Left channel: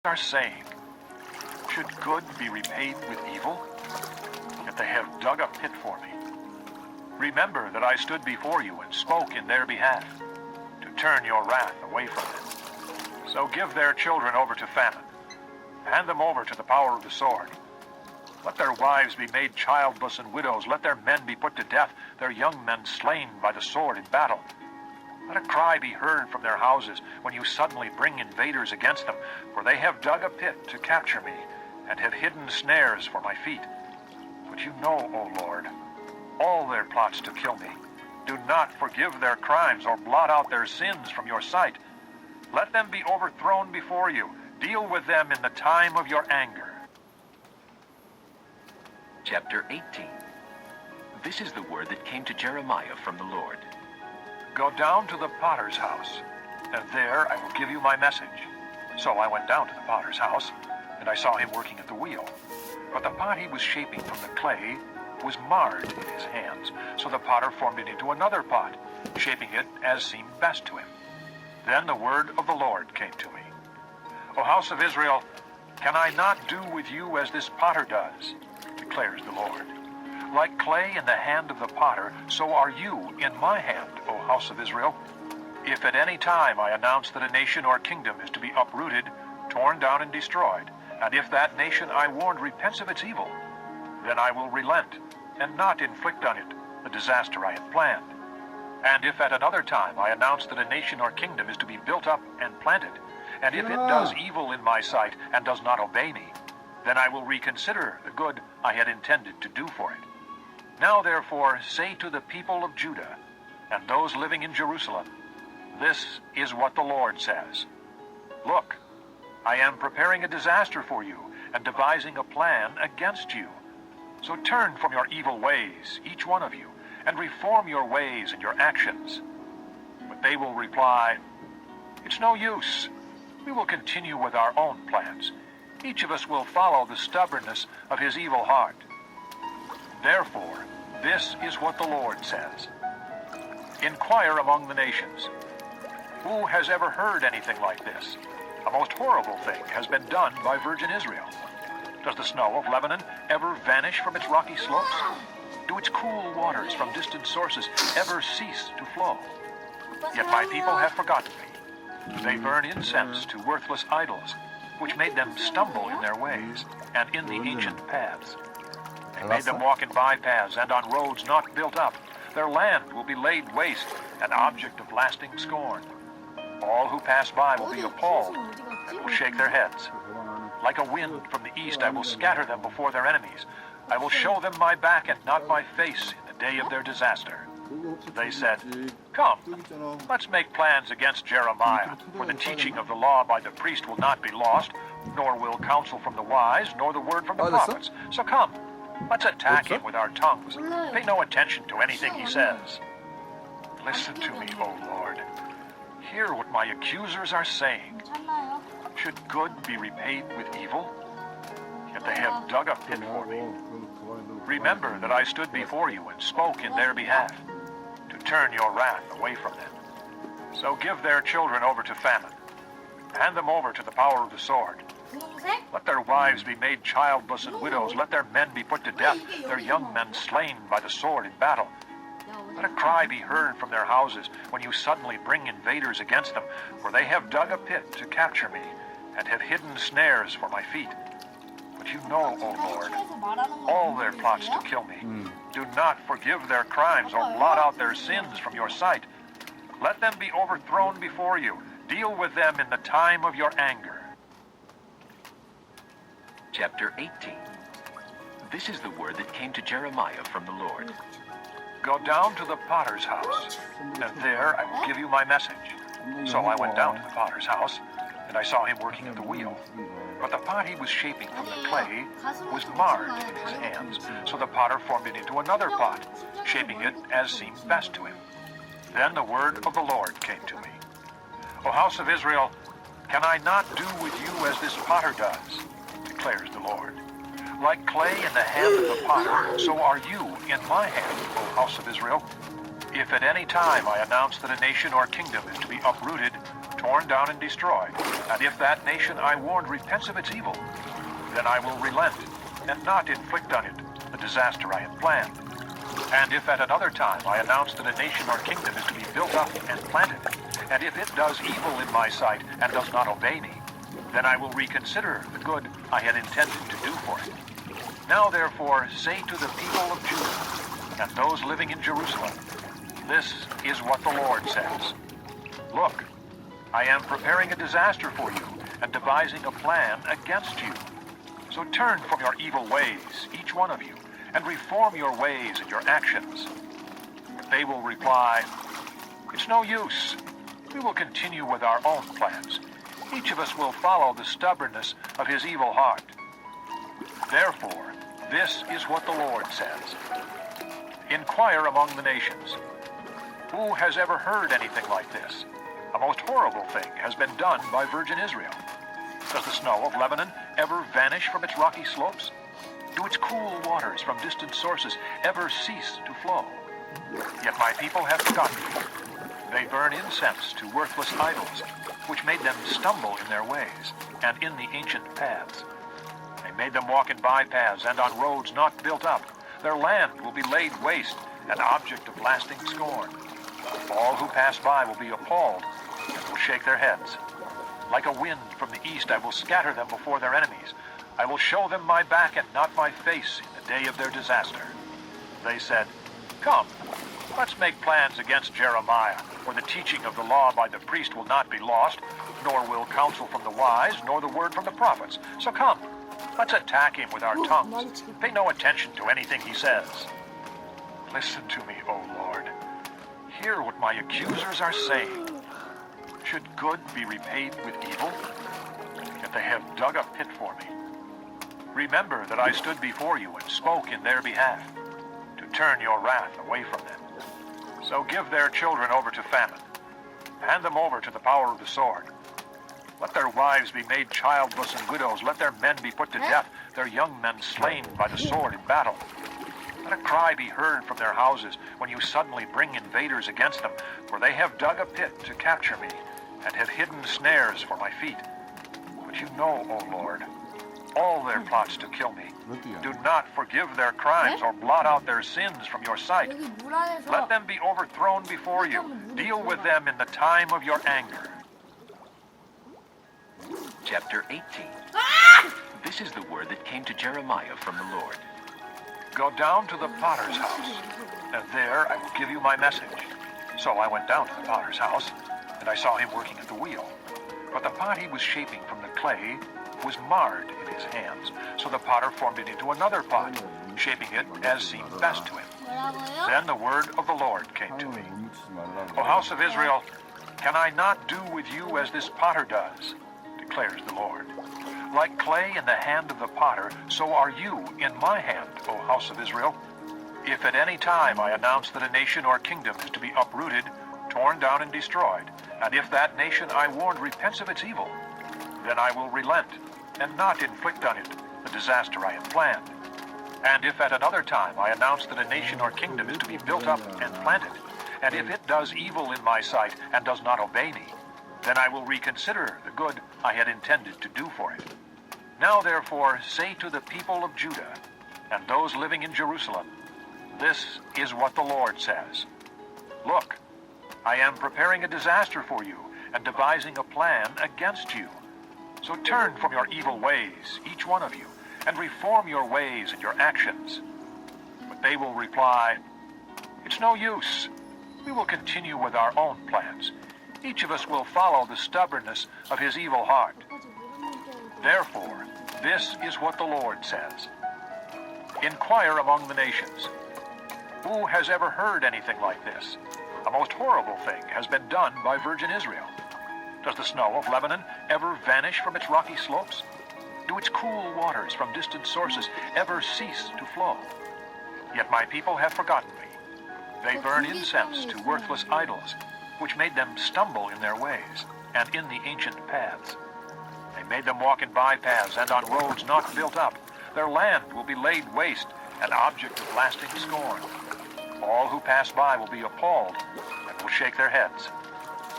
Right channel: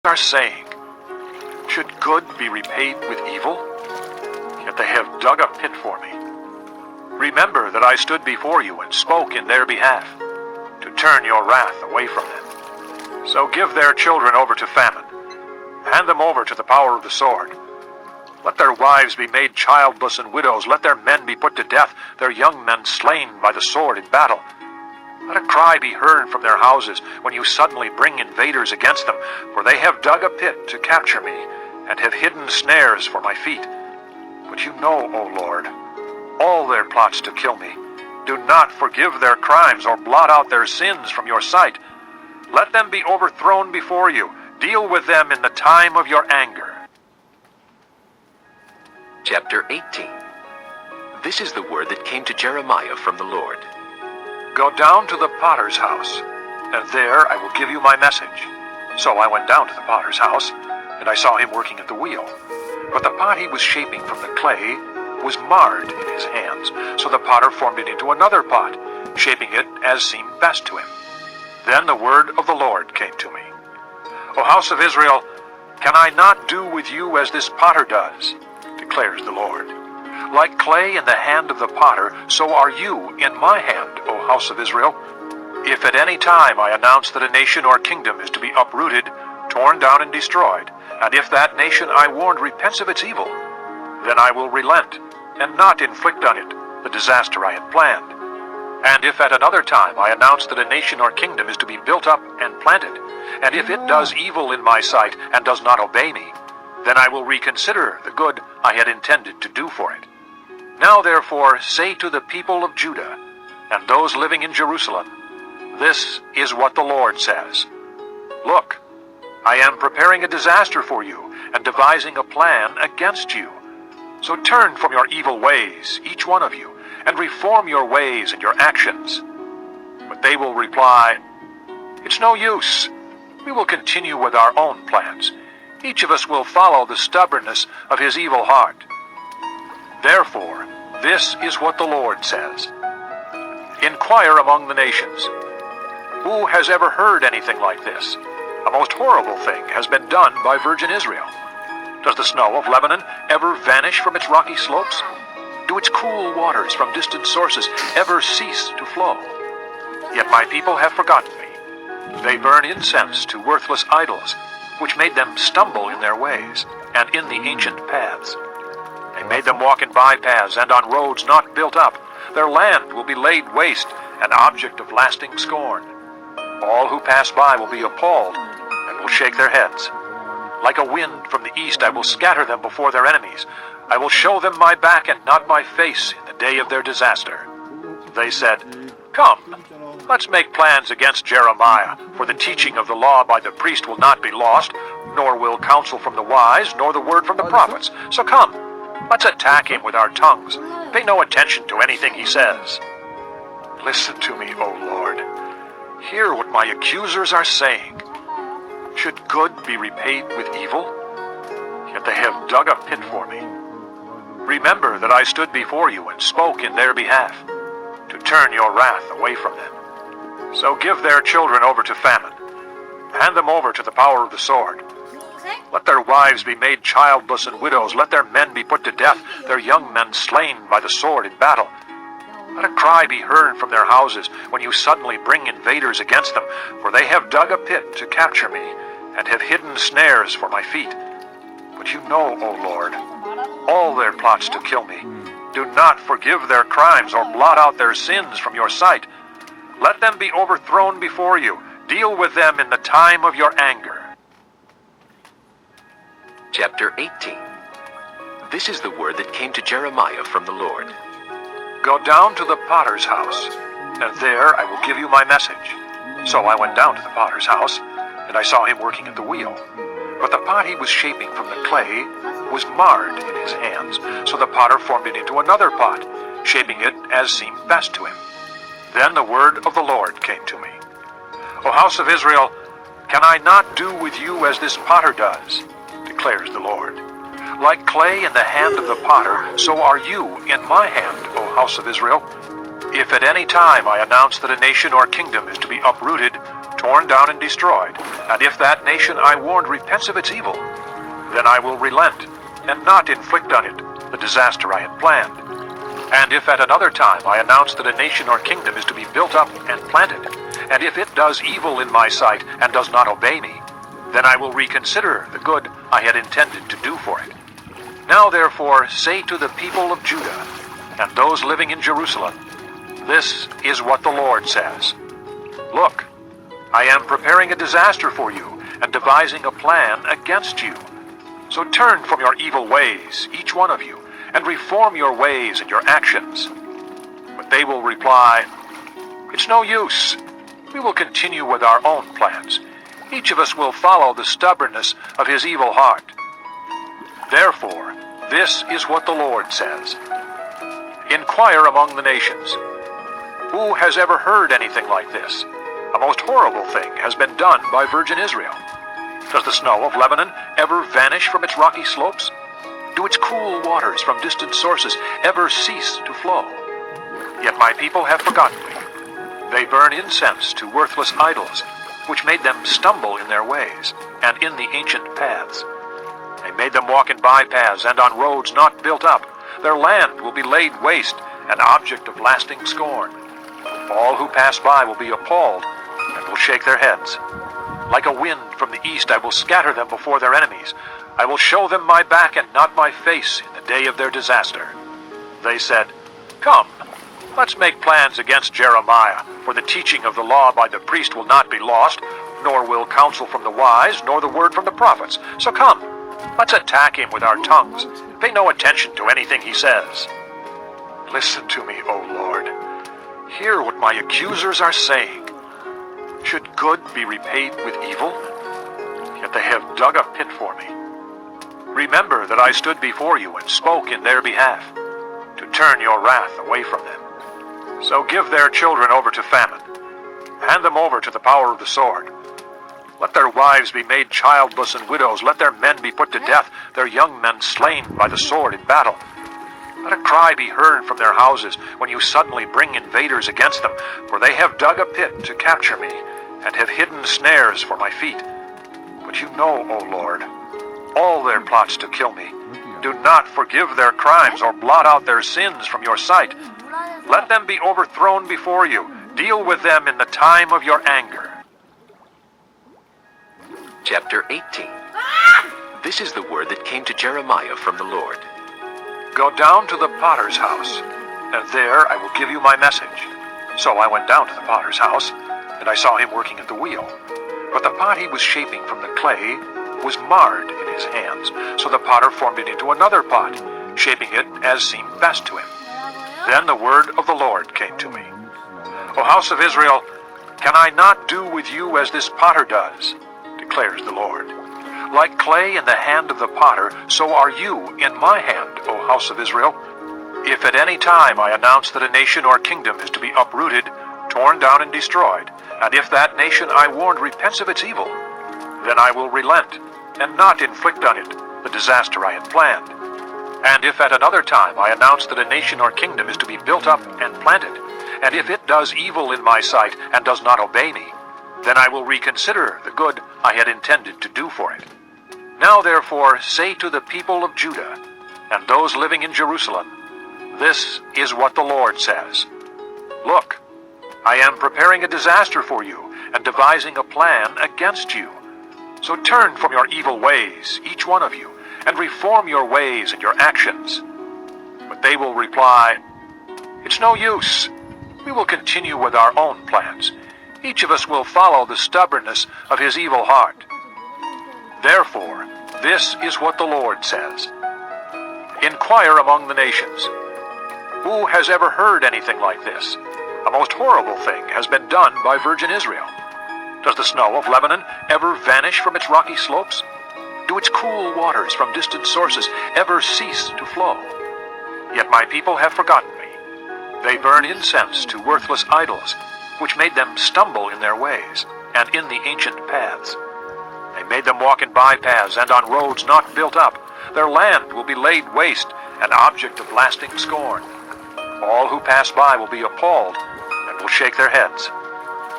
are saying, should good be repaid with evil? Yet they have dug a pit for me. Remember that I stood before you and spoke in their behalf, to turn your wrath away from them. So give their children over to famine. Hand them over to the power of the sword. Let their wives be made childless and widows. Let their men be put to death, their young men slain by the sword in battle. Let a cry be heard from their houses when you suddenly bring invaders against them, for they have dug a pit to capture me, and have hidden snares for my feet. But you know, O Lord, all their plots to kill me. Do not forgive their crimes or blot out their sins from your sight. Let them be overthrown before you. Deal with them in the time of your anger. Chapter 18. This is the word that came to Jeremiah from the Lord. Go down to the potter's house, and there I will give you my message. So I went down to the potter's house, and I saw him working at the wheel. But the pot he was shaping from the clay was marred in his hands, so the potter formed it into another pot, shaping it as seemed best to him. Then the word of the Lord came to me. O house of Israel, can I not do with you as this potter does? Declares the Lord. Like clay in the hand of the potter, so are you in my hand, O house of Israel. If at any time I announce that a nation or kingdom is to be uprooted, torn down and destroyed, and if that nation I warned repents of its evil, then I will relent, and not inflict on it the disaster I had planned. And if at another time I announce that a nation or kingdom is to be built up and planted, and if it does evil in my sight and does not obey me, then I will reconsider the good I had intended to do for it. Now therefore say to the people of Judah and those living in Jerusalem, this is what the Lord says. Look, I am preparing a disaster for you and devising a plan against you. So turn from your evil ways, each one of you, and reform your ways and your actions. But they will reply, it's no use. We will continue with our own plans. Each of us will follow the stubbornness of his evil heart. Therefore, this is what the Lord says. Inquire among the nations. Who has ever heard anything like this? A most horrible thing has been done by virgin Israel. Does the snow of Lebanon ever vanish from its rocky slopes? Do its cool waters from distant sources ever cease to flow? Yet my people have forgotten me. They burn incense to worthless idols, which made them stumble in their ways and in the ancient paths. They made them walk in bypaths and on roads not built up. Their land will be laid waste, an object of lasting scorn. All who pass by will be appalled and will shake their heads. Like a wind from the east, I will scatter them before their enemies. I will show them my back and not my face in the day of their disaster. They said, come, let's make plans against Jeremiah, for the teaching of the law by the priest will not be lost, nor will counsel from the wise, nor the word from the prophets. So come, let's attack him with our tongues. Pay no attention to anything he says. Listen to me, O Lord. Hear what my accusers are saying. Should good be repaid with evil? Yet they have dug a pit for me. Remember that I stood before you and spoke in their behalf, to turn your wrath away from them. So give their children over to famine. Hand them over to the power of the sword. Let their wives be made childless and widows. Let their men be put to death, their young men slain by the sword in battle. Let a cry be heard from their houses when you suddenly bring invaders against them, for they have dug a pit to capture me, and have hidden snares for my feet. But you know, O Lord, all their plots to kill me. Do not forgive their crimes or blot out their sins from your sight. Let them be overthrown before you. Deal with them in the time of your anger. Chapter 18. This is the word that came to Jeremiah from the Lord. Go down to the potter's house, and there I will give you my message. So I went down to the potter's house, and I saw him working at the wheel. But the pot he was shaping from the clay was marred in his hands, so the potter formed it into another pot, shaping it as seemed best to him. Then the word of the Lord came to me. O house of Israel, can I not do with you as this potter does? Declares the Lord. Like clay in the hand of the potter, so are you in my hand, O house of Israel. If at any time I announce that a nation or kingdom is to be uprooted, torn down and destroyed, and if that nation I warned repents of its evil, then I will relent and not inflict on it the disaster I had planned. And if at another time I announce that a nation or kingdom is to be built up and planted, and if it does evil in my sight and does not obey me, then I will reconsider the good I had intended to do for it. Now therefore say to the people of Judah and those living in Jerusalem, this is what the Lord says. Look, I am preparing a disaster for you and devising a plan against you. So turn from your evil ways, each one of you, and reform your ways and your actions. But they will reply, it's no use. We will continue with our own plans. Each of us will follow the stubbornness of his evil heart. Therefore, this is what the Lord says. Inquire among the nations. Who has ever heard anything like this? A most horrible thing has been done by virgin Israel. Does the snow of Lebanon ever vanish from its rocky slopes? Do its cool waters from distant sources ever cease to flow? Yet my people have forgotten me. They burn incense to worthless idols, which made them stumble in their ways and in the ancient paths. They made them walk in bypaths and on roads not built up. Their land will be laid waste, an object of lasting scorn. All who pass by will be appalled and will shake their heads. Like a wind from the east I will scatter them before their enemies. I will show them my back and not my face in the day of their disaster. They said, come, let's make plans against Jeremiah, for the teaching of the law by the priest will not be lost, nor will counsel from the wise, nor the word from the prophets. So come, let's attack him with our tongues. Pay no attention to anything he says. Listen to me, O Lord. Hear what my accusers are saying. Should good be repaid with evil? Yet they have dug a pit for me. Remember that I stood before you and spoke in their behalf, to turn your wrath away from them. So give their children over to famine. Hand them over to the power of the sword. Let their wives be made childless and widows. Let their men be put to death, their young men slain by the sword in battle. Let a cry be heard from their houses when you suddenly bring invaders against them, for they have dug a pit to capture me and have hidden snares for my feet. But you know, O Lord, all their plots to kill me. Do not forgive their crimes or blot out their sins from your sight. Let them be overthrown before you. Deal with them in the time of your anger. Chapter 18. This is the word that came to Jeremiah from the Lord. Go down to the potter's house, and there I will give you my message. So I went down to the potter's house, and I saw him working at the wheel. But the pot he was shaping from the clay was marred in his hands, so the potter formed it into another pot, shaping it as seemed best to him. Then the word of the Lord came to me. O house of Israel, can I not do with you as this potter does? Declares the Lord. Like clay in the hand of the potter, so are you in my hand, O house of Israel. If at any time I announce that a nation or kingdom is to be uprooted, torn down and destroyed, and if that nation I warned repents of its evil, then I will relent and not inflict on it the disaster I had planned. And if at another time I announce that a nation or kingdom is to be built up and planted, and if it does evil in my sight and does not obey me, then I will reconsider the good I had intended to do for it. Now therefore say to the people of Judah and those living in Jerusalem, this is what the Lord says. Look, I am preparing a disaster for you and devising a plan against you. So turn from your evil ways, each one of you, and reform your ways and your actions. But they will reply, it's no use. We will continue with our own plans. Each of us will follow the stubbornness of his evil heart. Therefore, this is what the Lord says. Inquire among the nations. Who has ever heard anything like this? A most horrible thing has been done by virgin Israel. Does the snow of Lebanon ever vanish from its rocky slopes? Do its cool waters from distant sources ever cease to flow? Yet my people have forgotten me. They burn incense to worthless idols, which made them stumble in their ways and in the ancient paths. They made them walk in bypaths and on roads not built up. Their land will be laid waste, an object of lasting scorn. All who pass by will be appalled and will shake their heads.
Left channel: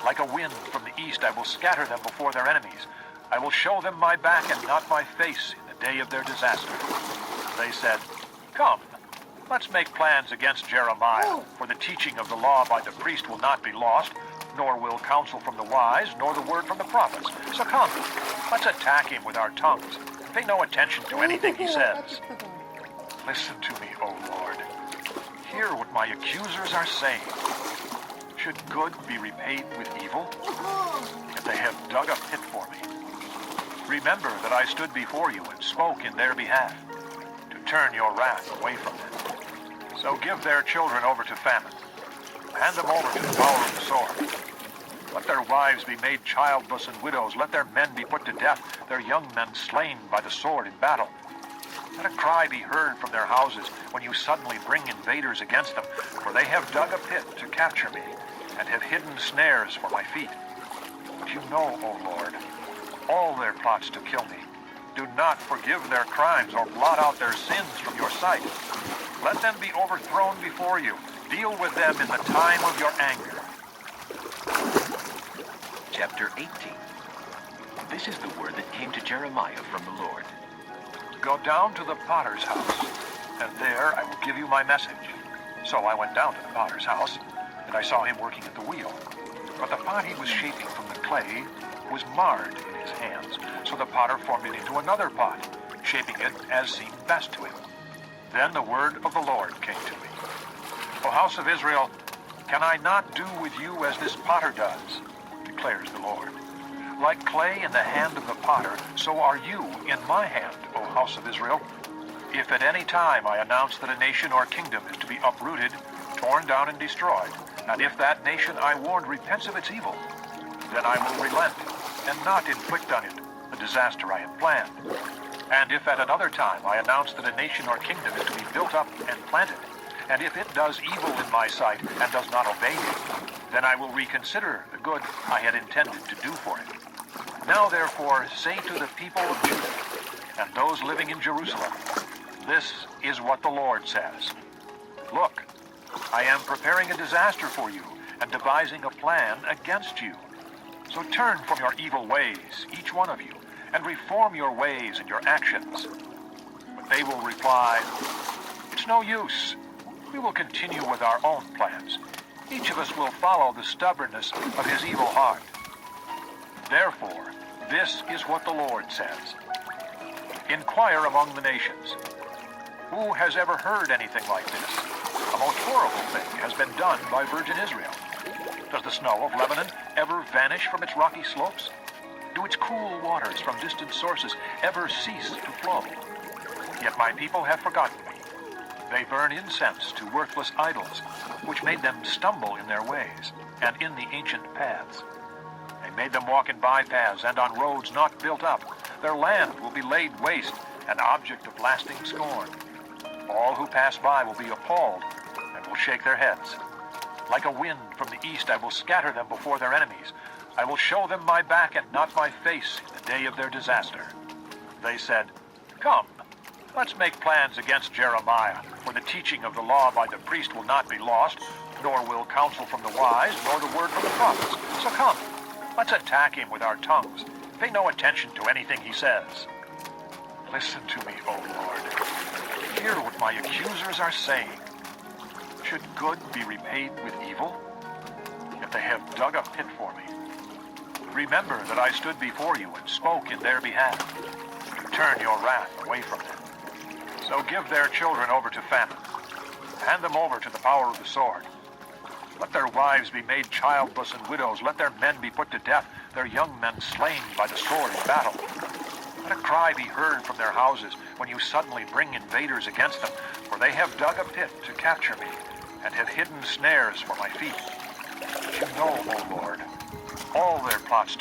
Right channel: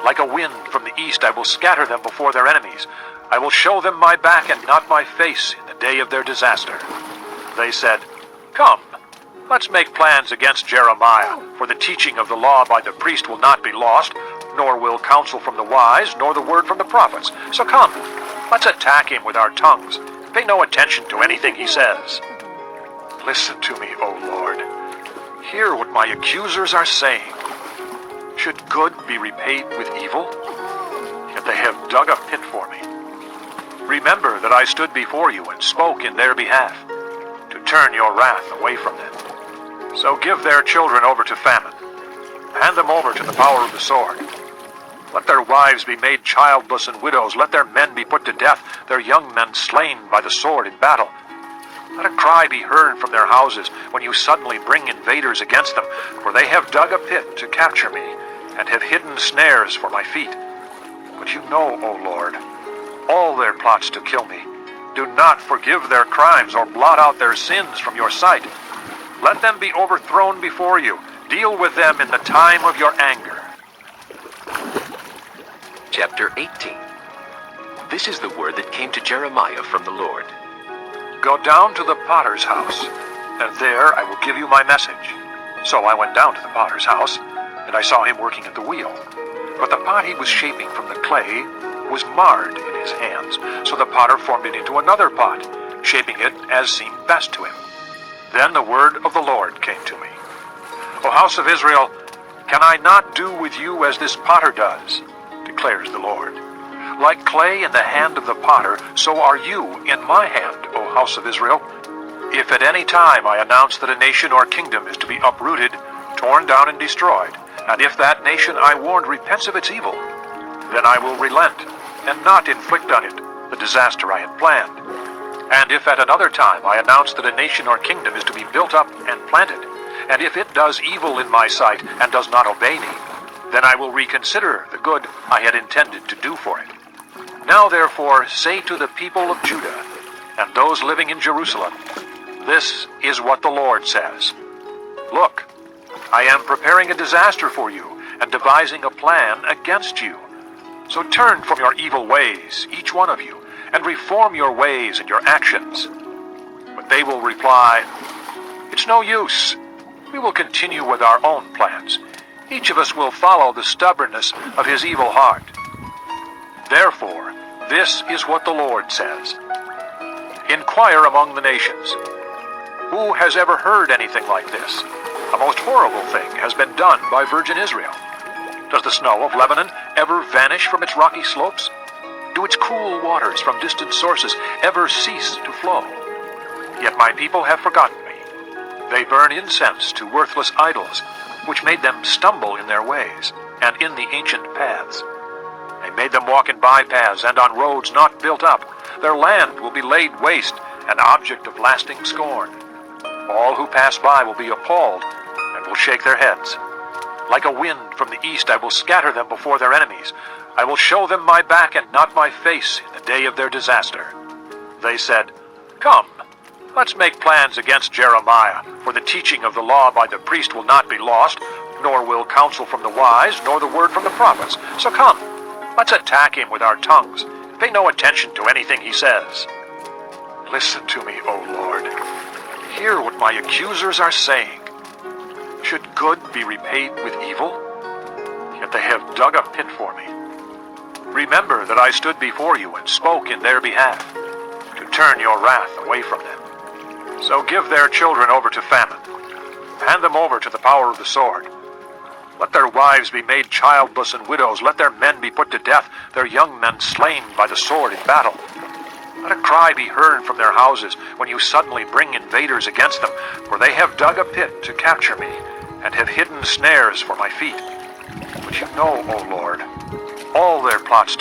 Like a wind from the east, I will scatter them before their enemies. I will show them my back and not my face in the day of their disaster. They said, "Come, let's make plans against Jeremiah, for the teaching of the law by the priest will not be lost, nor will counsel from the wise, nor the word from the prophets. So come, let's attack him with our tongues. Pay no attention to anything he says." Listen to me, O Lord. Hear what my accusers are saying. Should good be repaid with evil? Yet they have dug a pit for me. Remember that I stood before you and spoke in their behalf, to turn your wrath away from them. So give their children over to famine. Hand them over to the power of the sword. Let their wives be made childless and widows. Let their men be put to death, their young men slain by the sword in battle. Let a cry be heard from their houses when you suddenly bring invaders against them, for they have dug a pit to capture me and have hidden snares for my feet. But you know, O Lord, all their plots to kill me. Do not forgive their crimes or blot out their sins from your sight. Let them be overthrown before you. Deal with them in the time of your anger. Chapter 18. This is the word that came to Jeremiah from the Lord. Go down to the potter's house, and there I will give you my message. So I went down to the potter's house, and I saw him working at the wheel. But the pot he was shaping from the clay was marred in his hands, so the potter formed it into another pot, shaping it as seemed best to him. Then the word of the Lord came to me. O house of Israel, can I not do with you as this potter does? Declares the Lord. Like clay in the hand of the potter, so are you in my hand, O house of Israel. If at any time I announce that a nation or kingdom is to be uprooted, torn down and destroyed, and if that nation I warned repents of its evil, then I will relent and not inflict on it the disaster I had planned. And if at another time I announce that a nation or kingdom is to be built up and planted, and if it does evil in my sight and does not obey me, then I will reconsider the good I had intended to do for it. Now therefore say to the people of Judah and those living in Jerusalem, this is what the Lord says. Look, I am preparing a disaster for you and devising a plan against you. So turn from your evil ways, each one of you, and reform your ways and your actions. But they will reply, it's no use. We will continue with our own plans. Each of us will follow the stubbornness of his evil heart. Therefore, this is what the Lord says. Inquire among the nations. Who has ever heard anything like this? A most horrible thing has been done by virgin Israel. Does the snow of Lebanon ever vanish from its rocky slopes? Do its cool waters from distant sources ever cease to flow? Yet my people have forgotten me. They burn incense to worthless idols, which made them stumble in their ways and in the ancient paths. They made them walk in bypaths and on roads not built up. Their land will be laid waste, an object of lasting scorn. All who pass by will be appalled and will shake their heads. Like a wind from the east, I will scatter them before their enemies. I will show them my back and not my face in the day of their disaster. They said, come, let's make plans against Jeremiah, for the teaching of the law by the priest will not be lost, nor will counsel from the wise, nor the word from the prophets. So come, let's attack him with our tongues. Pay no attention to anything he says. Listen to me, O Lord. Hear what my accusers are saying. Should good be repaid with evil? Yet they have dug a pit for me. Remember that I stood before you and spoke in their behalf, to turn your wrath away from them. So give their children over to famine. Hand them over to the power of the sword. Let their wives be made childless and widows. Let their men be put to death, their young men slain by the sword in battle. Let a cry be heard from their houses when you suddenly bring invaders against them, for they have dug a pit to capture me and have hidden snares for my feet. But you know, O Lord, all their plots